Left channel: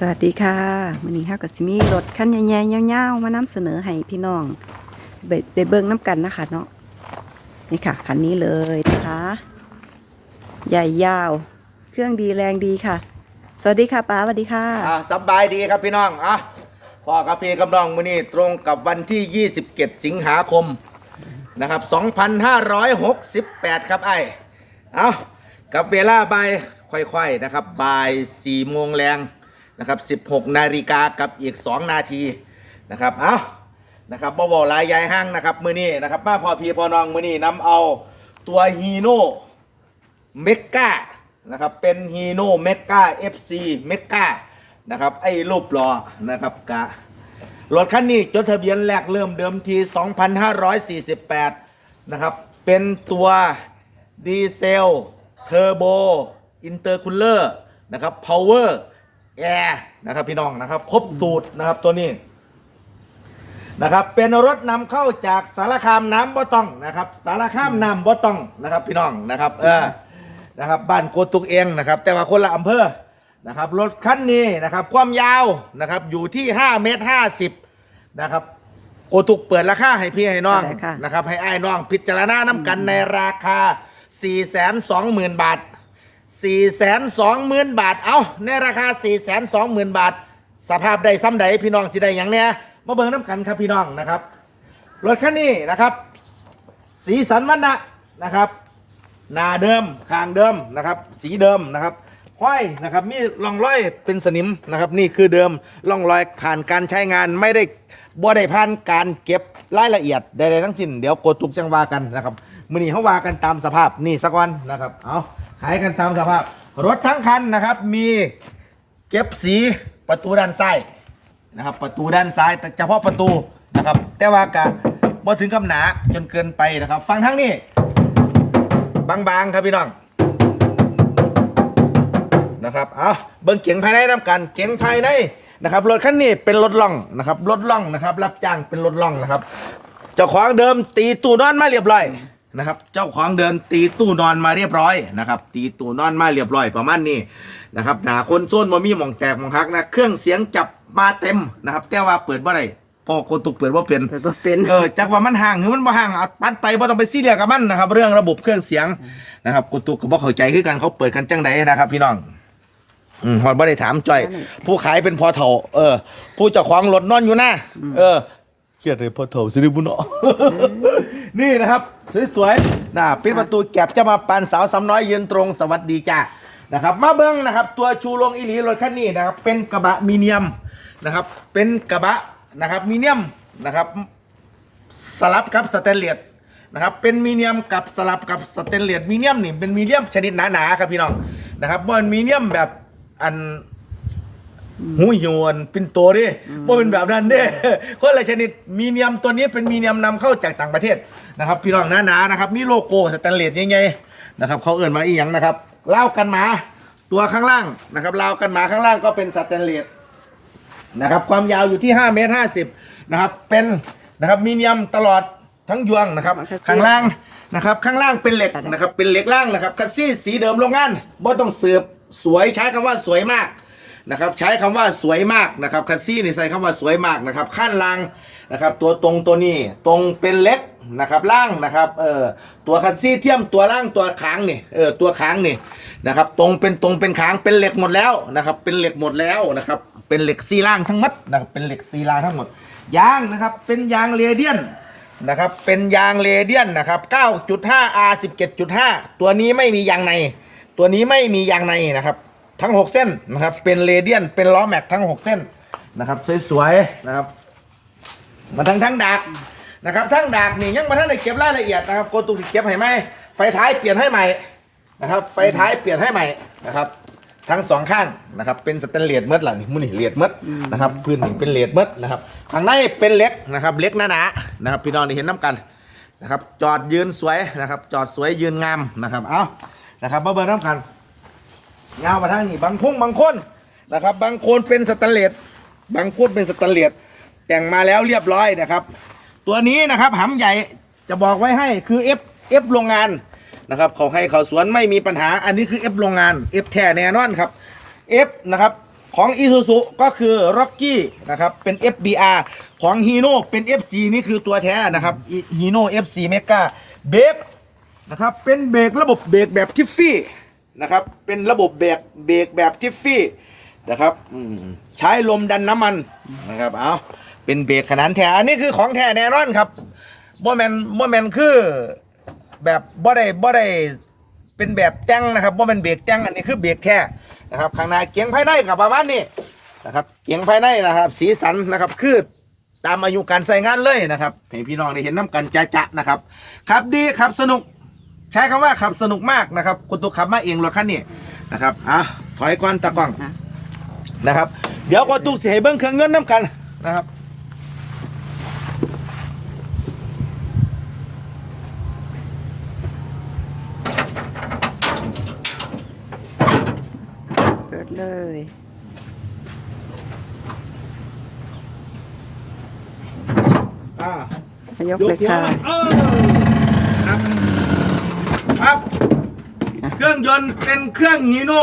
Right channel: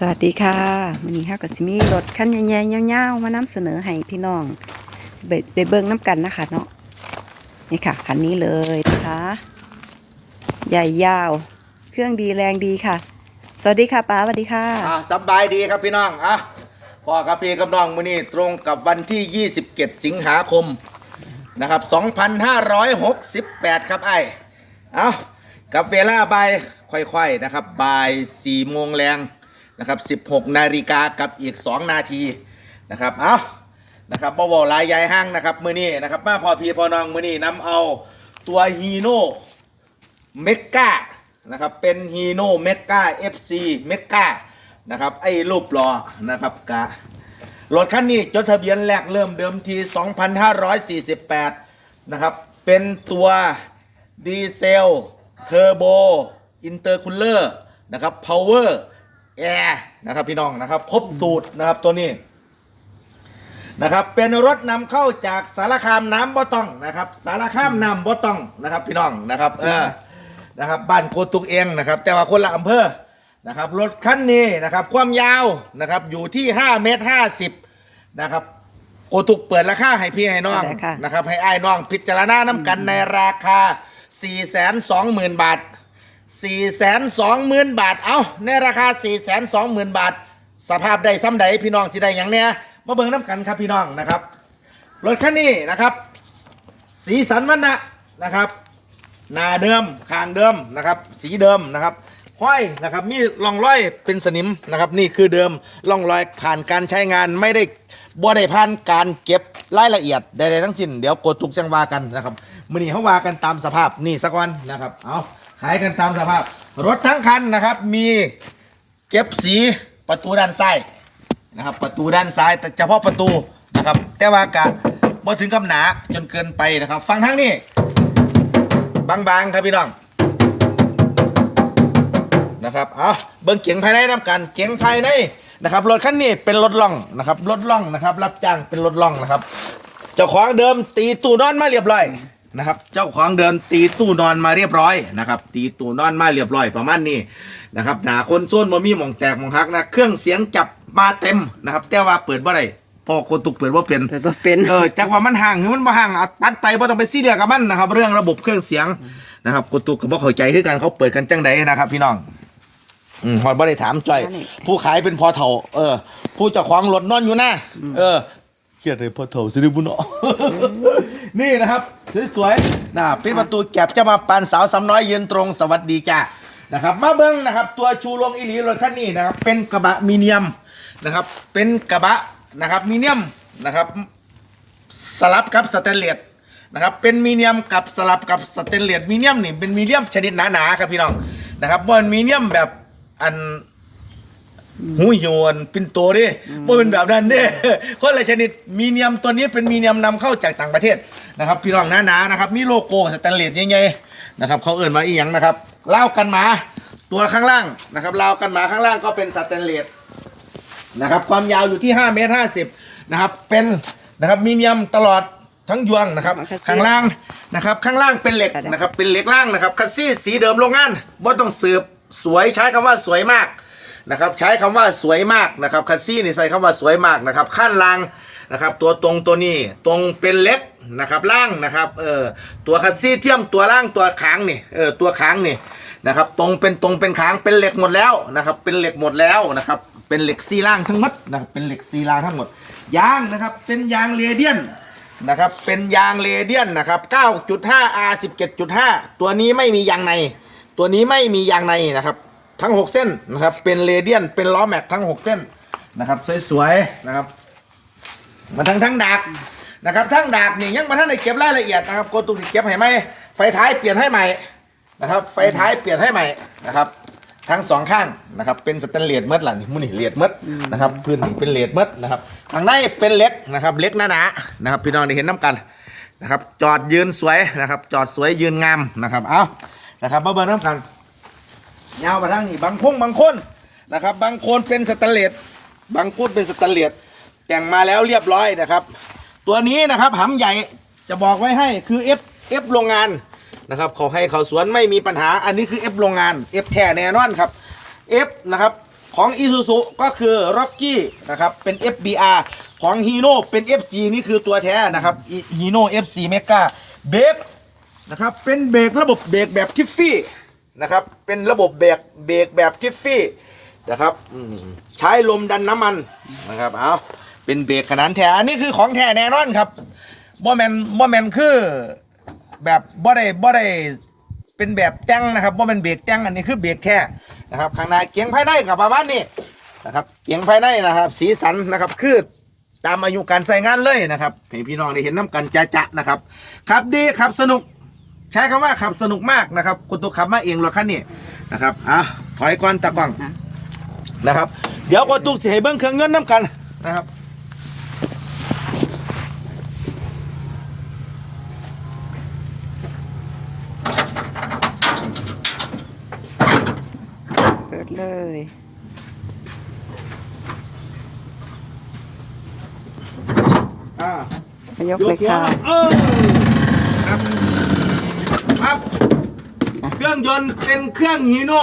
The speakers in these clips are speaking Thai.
สวัสดีค่ะวันนี้เฮากับซิมีรถคันใหญ่ๆยาวๆมานำเสนอให้พี่น้องไปไปเบิ่งน้ำกันนะคะเนาะนี่ค่ะคันนี้เลยนะคะใหญ่ยาว เครื่องดีแรงดีค่ะ สวัสดีค่ะป้าสวัสดีค่ะอะสบายดีครับพี่น้องอะพ่อกับพี่กับน้องมื้อนี้ตรงกับวันที่ 27 สิงหาคมนะครับ 2568 ครับไอ้เอากับเวลาบ่ายค่อยๆนะครับบ่าย4โมงแรง นะครับ 16 นาฬิกากับอีก 2 นาทีนะครับ เอานะครับบ่าวลายยายห้างนะครับมือนี้นะครับมาพอพีพอนองมือนี้นำเอาตัวฮีโน่เมกานะครับเป็นฮีโน่เมกา FC เมกานะครับไอ้รูปหล่อนะครับกะรถคันนี้จดทะเบียนแรกเริ่มเดิมที 2548 นะครับ เป็นตัวดีเซลเทอร์โบอินเตอร์คูลเลอร์นะครับพาวเวอร์ แอร์นะครับพี่น้องนะครับ ครบสูตรนะครับตัวนี้นะครับ เป็นรถนำเข้าจากสารคามน้ำบ่ต้องนะครับ สารคามน้ำบ่ต้องนะครับ พี่น้องนะครับ เออนะครับบ้านโกตุกเองนะครับ แต่ว่าคนละอำเภอนะครับรถคันนี้นะครับ ความยาวนะครับ อยู่ที่5เมตร50นะครับโกตุกเปิดราคาให้พี่ให้น้องได้ค่ะนะครับ ให้อ้ายน้องพิจารณาน้ำกันในราคา 420,000 บาท 420,000บาท เอาในราคา420,000บาท สภาพใดซ้ำใดพี่น้องสิได้อย่างเนี้ยมาเบิ่งน้ำกันครับพี่น้องนะครับ รถคันนี้นะครับ สีสันวันนะนะครับหนาเดิมคางเดิมนะครับ สีเดิมนะครับห้อยนะครับมีร่องรอยเป็นสนิมนะครับ นี่คือเดิมร่องรอยผ่านการใช้งานไม่ได้บ่ได้ผ่านการเก็บรายละเอียดใดๆทั้งสิ้นเดี๋ยวกดตุกจังวากันนะครับมือนี้เขาวากันตามสภาพนี่สักวันนะครับเอา ขายกันตามสภาพ รถทั้งคันนะครับ มีเก็บสีประตูด้านซ้ายนะครับ ประตูด้านซ้ายแต่เฉพาะประตูนะครับ แต่ว่ากะบ่ถึงกับหนาจนเกินไปนะครับ ฟังทั้งนี้ บางๆครับพี่น้องนะครับเอาเบิ้งเกียงภายในน้ำกันเกียงภายในนะครับรถคันนี้เป็นรถล่องนะครับรถล่องนะครับ รับจ้างเป็นรถล่องนะครับเจ้าของเดิมตีตู้นอนมาเรียบร้อย นะครับ เจ้าของเดิมตีตู้นอนมาเรียบร้อยนะครับ ตีตู้นอนมาเรียบร้อยประมาณนี้นะครับหนาคนโซนมามีหมองแตกหมองหักนะเครื่องเสียงจับมาเต็มนะครับ แต่ว่าเปิดบ่ได้พอคนตุกเปิดว่าเป็นเปิดบ่เป็นเออจากว่ามันห่างหรือมันบ่ห่างเอาปัดไปบ่ต้องไปซีเรียสกับมันนะครับ เรื่องระบบเครื่องเสียงนะครับกตุกก็บ่เข้าใจคือกันเขาเปิดกันจังใดนะครับ พี่น้องอืมฮอดบ่ได้ถามจ่อยอันนี้ผู้ขายเป็นพอเถาเออ ผู้เจ้าของรถนอนอยู่หน้าเออเค รียดเลยพอเถาสิริบุญเนาะนี่นะครับสวยๆนะปิดประตูแก็บจะมาปานสาวสำน้อยยืนตรงสวัสดีจ้านะครับ มาเบิ้งนะครับ ตัวชูโรงอีหลีรถคันนี้นะครับ เป็นกระบะมีเนียมนะครับ เป็นกระบะนะครับมีเนียมนะครับสลับกับสเตนเลสนะครับเป็นมีเนียมกับสลับกับสเตนเลสมีเนียมนี่เป็นมีเนียมชนิดหนาๆครับพี่น้องนะครับบนมีเนียมแบบอัน หูยวนปินโตดิบ่เป็นแบบนั้นเด้คนละชนิดมีเนียมตัวนี้เป็นมีเนียมนำเข้าจากต่างประเทศนะครับพี่น้องหนาๆนะครับ มีโลโก้สแตนเลสใหญ่ๆนะครับเขาเอื่นมาอีหยังนะครับเล่าวกันหมาตัวข้างล่างนะครับเล่าวกันหมาข้างล่างก็เป็นสแตนเลสนะครับความยาวอยู่ที่5เมตร50นะครับเป็นนะครับมีเนียมตลอดทั้งยวงนะครับคัสซี่ข้างล่างนะครับข้างล่างเป็นเหล็กค่ะได้นะครับเป็นเหล็กล่างนะครับคัสซี่สีเดิมโรงงานบ่ต้องสืบสวยใช้คำว่าสวยมาก นะครับใช้คำว่าสวยมากนะครับคัสซี่นี่ใส่คำว่าสวยมากนะครับขั้นล่างนะครับตัวตรงตัวนี้ตรงเป็นเหล็กนะครับล่างนะครับเออตัวคัสซี่เทียมตัวล่างตัวค้างนี่เออตัวค้างนี่นะครับตรงเป็นตรงเป็นค้างเป็นเหล็กหมดแล้วนะครับเป็นเหล็กหมดแล้วนะครับเป็นเหล็กซีล่างทั้งหมดนะครับเป็นเหล็กซีล่างทั้งหมดยางนะครับเป็นยางเรเดียนนะครับเป็นยางเรเดียนนะครับ 9.5 R 17.5 ตัวนี้ไม่มียางใน ตัวนี้ไม่มียางในนะครับ ทั้ง 6 เส้นนะครับ เป็นเรเดียน เป็นล้อแม็กทั้ง 6 เส้นนะครับ สวยๆนะครับ มาทั้งทั้งดากนะครับทั้งดากนี่ยังมาท่านได้เก็บรายละเอียดนะครับโกตุกเก็บให้ไหมไฟท้ายเปลี่ยนให้ใหม่นะครับ ไฟท้ายเปลี่ยนให้ใหม่นะครับ ทั้งสองข้างนะครับเป็นสแตนเลสเมดล่ะนี่มุนี่เลสเมดนะครับพื้นนี่เป็นเลสเมดนะครับข้างในเป็นเล็กนะครับ เล็กหนาๆนะครับ พี่น้องได้เห็นน้ำกันนะครับ จอดยืนสวยนะครับ จอดสวยยืนงามนะครับ เอานะครับมาเบิร์น้ำกัน ยาวมาทางนี้บางพงบางคนนะครับ บางคนเป็นสแตนเลสบางคนเป็นสแตนเลสแต่งมาแล้วเรียบร้อยนะครับ ตัวนี้นะครับหำใหญ่จะบอกไว้ให้คือ F F โรงงานนะครับเขาให้เขาสวนไม่มีปัญหาอันนี้คือ F โรงงาน F แท้แน่นอนครับ F นะครับของ Isuzu ก็คือ Rocky นะครับเป็น FBR ของ Hino เป็น FC นี่คือตัวแท้นะครับ Hino FC Mega เบรกนะครับเป็นเบรกระบบเบรกแบบทิฟฟี่ นะครับ เป็นระบบเบรกเบรกแบบทิฟฟี่นะครับอืมใช้ลมดันน้ำมันนะครับเอาเป็นเบรกขนาดแท้อันนี้คือของแท้แน่นอนครับบ่แมนบ่แมนคือแบบบ่ได้บ่ได้เป็นแบบแจ้งนะครับบ่เป็นเบรกแจ้งอันนี้คือเบรกแค่นะครับข้างในเกียงภายในกับประมาณนี้นะครับเกียงภายในนะครับ สีสันนะครับคือตามอายุการใส่งานเลยนะครับให้พี่น้องได้เห็นน้ำกันจะจะๆนะครับขับดีขับสนุกใช้คำว่าขับสนุกมากนะครับคุณตัวขับมาเองรถคันนี้นะครับอะถอยก่อนตะกล้องอะนะครับ เดี๋ยวก็ตุกเสียเบิ้งเครื่องยนต์น้ำกันนะครับเปิดเลยอ่ามายกเลยค่ะเออครับ ครับ เครื่องยนต์เป็นเครื่องฮีโน่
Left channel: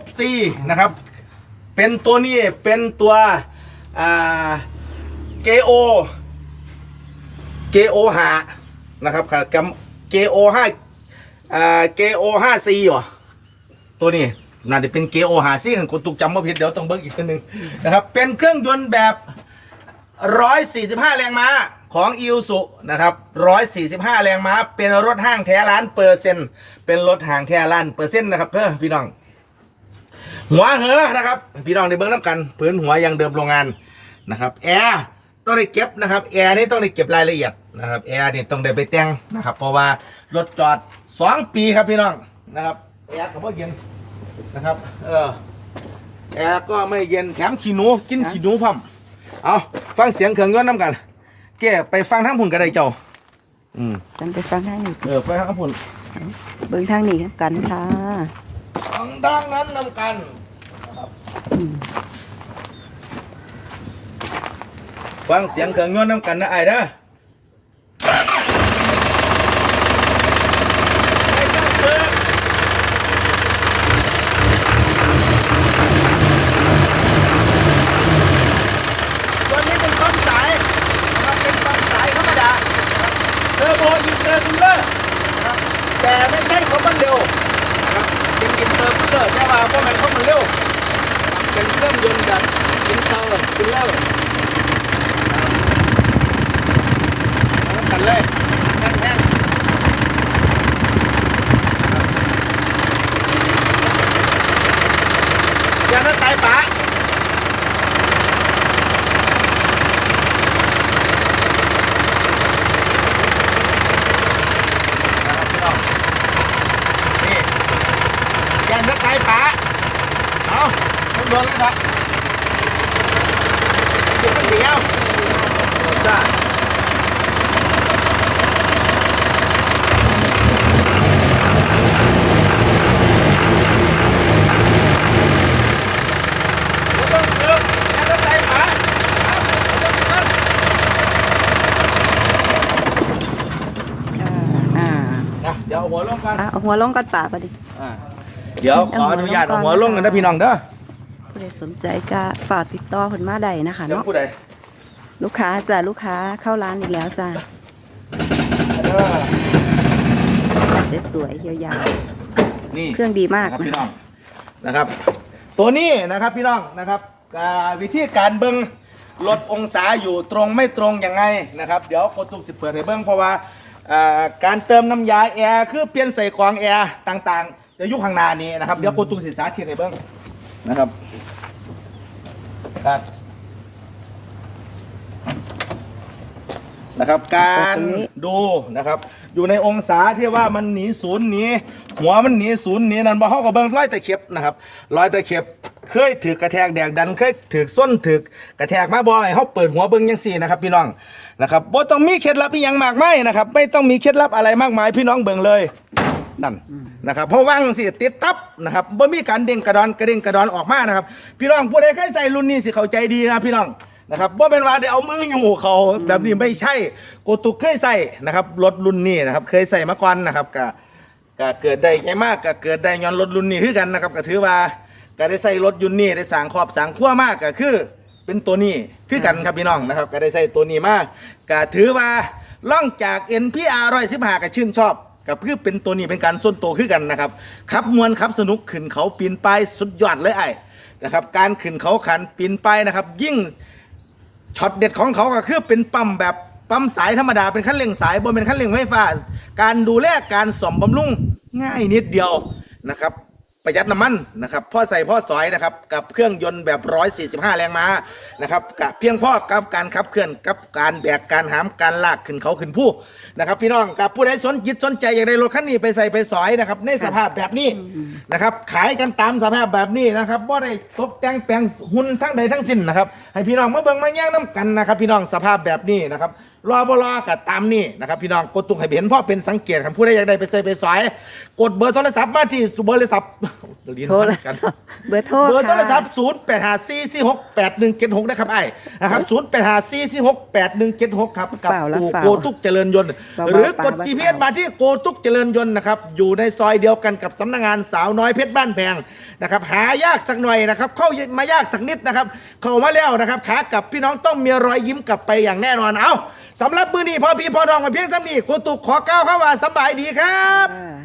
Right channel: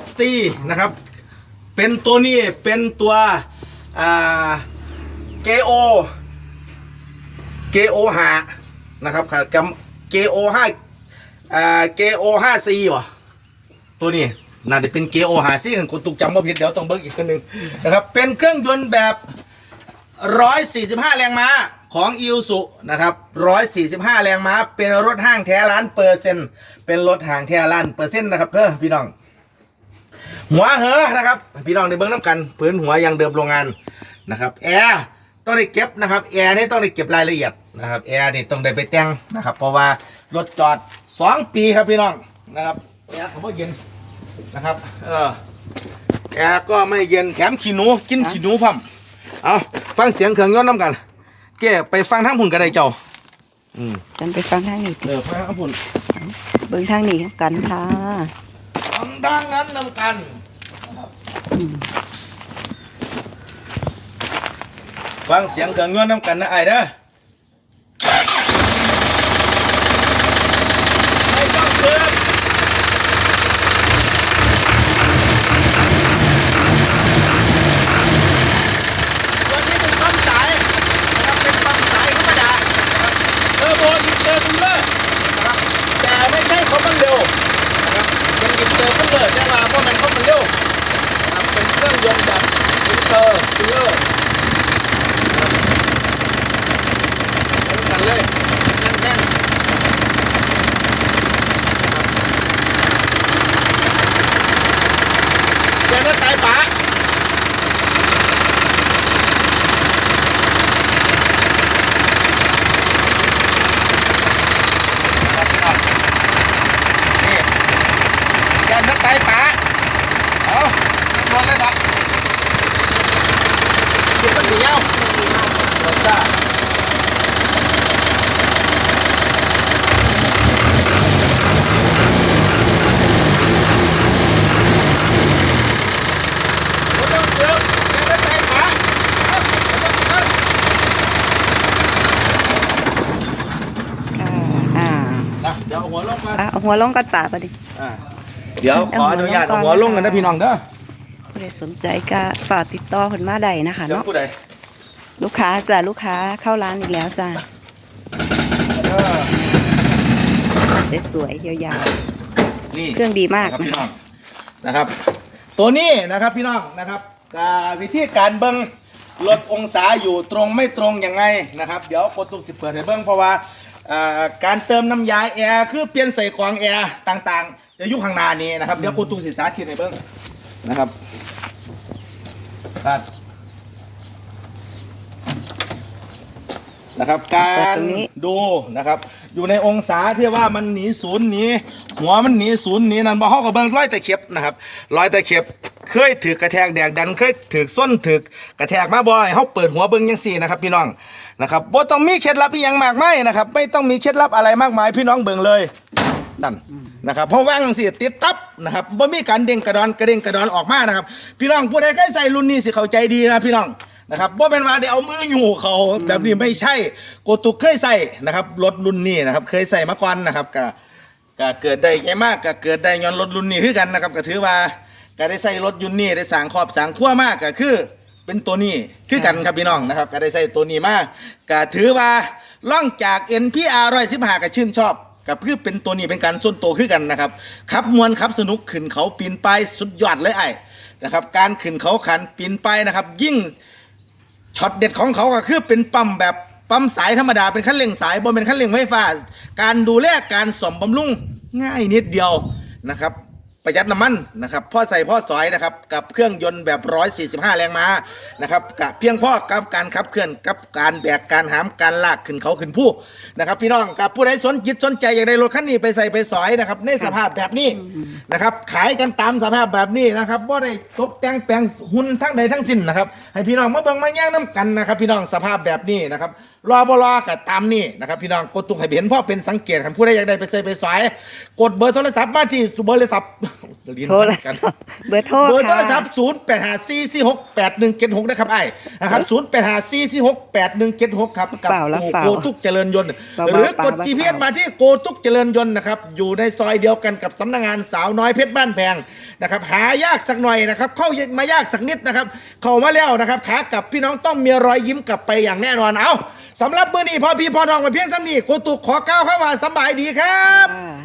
FC นะครับ เป็นตัวนี้เป็นตัวเกโอเกโอหานะครับครับเกโอห้าเกโอห้าซีวะตัวนี้น่าจะเป็นเกโอหาซีของคุณตุกจำมาผิดเดี๋ยวต้องเบิกอีกคนหนึ่งนะครับ เป็นเครื่องยนต์แบบ 145 แรงม้าของ i ิ s u นะครับ145 แรงม้า เป็นรถห้างแท้ล้านเปอร์เซ็นต์ เป็นรถห้างแท้ล้านเปอร์เซ็นต์นะครับเพื่อพี่น้อง หัวเหอนะครับ พี่น้องในเบิ้งน้ำกันพื้นหัวยังเดิมโรงงานนะครับแอร์ต้องได้เก็บนะครับแอร์นี่ต้องได้เก็บรายละเอียดนะครับแอร์นี่ต้องได้ไปแต่งนะครับ เพราะว่ารถจอด 2 ปีครับพี่น้องนะครับแอร์ก็ไม่เย็นนะครับเออแอร์ก็ไม่เย็นแถมขี้หนูกินขี้หนูพั่ม เอาฟังเสียงเครื่องยนต์น้ำกันแกไปฟังทั้งพุ่นกันได้เจ้า อืมจันไปฟังทางนี้เออไปทั้งพุ่นเบิ่งทางนี้น้ำกันค่ะฟังดังนั้นน้ำกันอืมฟังเสียงเครื่องยนต์น้ำกันนะไอ้ายเด้อไม่ต้องเปิดตัวนี้เป็นความสายนะครับเป็นความสายธรรมดาเทอร์โบอินเตอร์คูลเลอร์นะครับแต่ไม่ใช่ของมันเร็วนะครับเป็นอินเตอร์คูลเลอร์แต่ว่าพวกมันของมันเร็วนะครับเป็นเครื่องยนต์แบบอินเตอร์คูลเลอร์ เอากันเลยแน่นๆเดี๋ยวนั้นไก่ป๋านี่แกนนักไก่ป๋าเอาขึ้นบนเลยนะเดี๋ยวมันเดียวจ้า ไม่ต้องเสือกอย่าได้ใจหมาเอาไม่ต้องกัน ค่ะอ่า นะเดี๋ยวเอา หัวลงกันอะเอาหัวลงกันป่าปะดิ อ่าเดี๋ยวขออนุญาตเอาหัวลงกันนะพี่น้องเด้อผู้ใดสนใจก็ฝากติดต่อคนมาใดนะคะเดี๋ยวเนาะผู้ใดลูกค้าจ้ะลูกค้าเข้าร้านอีกแล้วจ้ะเด้อสวยๆยาวนี่ๆเครื่องดีมากนะครับนะพี่น้อคะงนะครับ ตัวนี้นะครับพี่น้องนะครับอ่าวิธีการเบิ้งลดองศาอยู่ตรงไม่ตรงยังไงนะครับ เดี๋ยวโคตุกสิเปิดให้เบิ้งเพราะว่าอ่า การเติมน้ำยาแอร์คือเปลี่ยนใส่กรองแอร์ต่างๆจะอยุคข้างหน้านี้นะครับเดี๋ยวโคตุกสิสาธิตให้เบิ้งนะครับครับนะครับการดูนะครับ อยู่ในองศาที่ว่ามันหนีศูนย์หนีหัวมันหนีศูนย์หนีนั่นบ่เฮาก็เบิ่งร้อยตะเข็บนะครับร้อยตะเข็บเคยถือกระแทกแดกดันเคยถือส้นถือกระแทกมาบ่ให้เฮาเปิดหัวเบิ่งจังซี่นะครับพี่น้อง นะครับบ่ต้องมีเคล็ดลับอีหยังมากมายนะครับ ไม่ต้องมีเคล็ดลับอะไรมากมายพี่น้องเบิ่งเลยนั่นนะครับเพราะว่างจังซี่ติดตับนะครับบ่มีการเด้งกระดอนกระเด้งกระดอนออกมานะครับ พี่น้องผู้ใดเคยใส่รุ่นนี้สิเข้าใจดีนะพี่น้องนะครับว่าเป็นว่าเดี๋ยวเอามืออยู่เขาแบบนี้ไม่ใช่โกตุกเคยใส่นะครับรถรุ่นนี้นะครับ เคยใส่มาก่อนนะครับก็ก็เกิดได้ไงมากก็เกิดได้ย้อนรถรุ่นนี้คือกันนะครับก็ถือว่าก็ได้ใส่รถยุนนี่ได้สางครอบสางครัวมากก็คือ เป็นตัวนี้คือกันครับพี่น้องนะครับ ก็ได้ใส่ตัวนี้มาก็ถือว่าล่องจาก NPR ร้อยสิบห้าก็ชื่นชอบกับคือเป็นตัวนี้เป็นการส่วนตัวคือกันนะครับขับมวนขับสนุกขึ้นเขาปีนไปายสุดยอดเลยไอ้นะครับ การขึ้นเขาขันปีนไปายนะครับ ยิ่งช็อตเด็ดของเขาก็คือเป็นปั๊มแบบปั๊มสายธรรมดาเป็นขั้นเร่งสายบนเป็นขั้นเร่งไฟฟ้า การดูแลการสมบำรุงง่ายนิดเดียวนะครับ ประหยัดน้ำมันนะครับพ่อใส่พ่อสอยนะครับกับเครื่องยนต์แบบ 145 แรงม้านะครับกับเพียงพ่อกับการขับเคลื่อนกับการแบกการหามการลากขึ้นเขาขึ้นผู้นะครับ พี่น้องกับผู้ใดสนจิตสนใจอยากได้รถคันนี้ไปใส่ไปสอยนะครับในสภาพแบบนี้นะครับขายกันตามสภาพแบบนี้นะครับว่าได้ตกแต่งแปลงหุ่นทั้งใดทั้งสิ้นนะครับให้พี่น้องมาเบิ่งมาแย่งน้ำกันนะครับ พี่น้องสภาพแบบนี้นะครับ รอบรอกับตามนี่นะครับพี่น้องกดตุกให้เห็นพ่อเป็นสังเกตคันผู้ใดอยากได้ไปใส่ไปสอยกดเบอร์โทรศัพท์มาที่เบอร์โทรศัพท์ลิ้นโทรพันศักัพนท์เบอร์โทรเบอร์โทค่ะรศัพท์ศูนย์แปดห้าสี่สี่หกแปดหนึ่งเจ็ดหกนะครับไอ้นะครับศูนย์แปดห้าสี่สี่หกแปดหนึ่งเจ็ดหกครับกับฝ่าวละตู่ฝ่าวโกตุกเจริญยนต์เบาๆหรือกดเบาๆ GPS มาที่โกตุกเจริญยนต์นะครับอยู่ในซอยเดียวกันกับสำนักงานสาวน้อยเพชรบ้านแพงนะครับหายากสักหน่อยนะครับเข้ามายากสักนิดนะครับเข้ามาแล้วนะครับขากลับพี่น้องต้องมีรอยยิ้มกลับไปอย่างแน่นอนเอาสำหรับมื้อนี้พอพี่พอน้องมาเพียงสามีกูตุกขอก้าวเข้ามาสบายดีครับ อ่า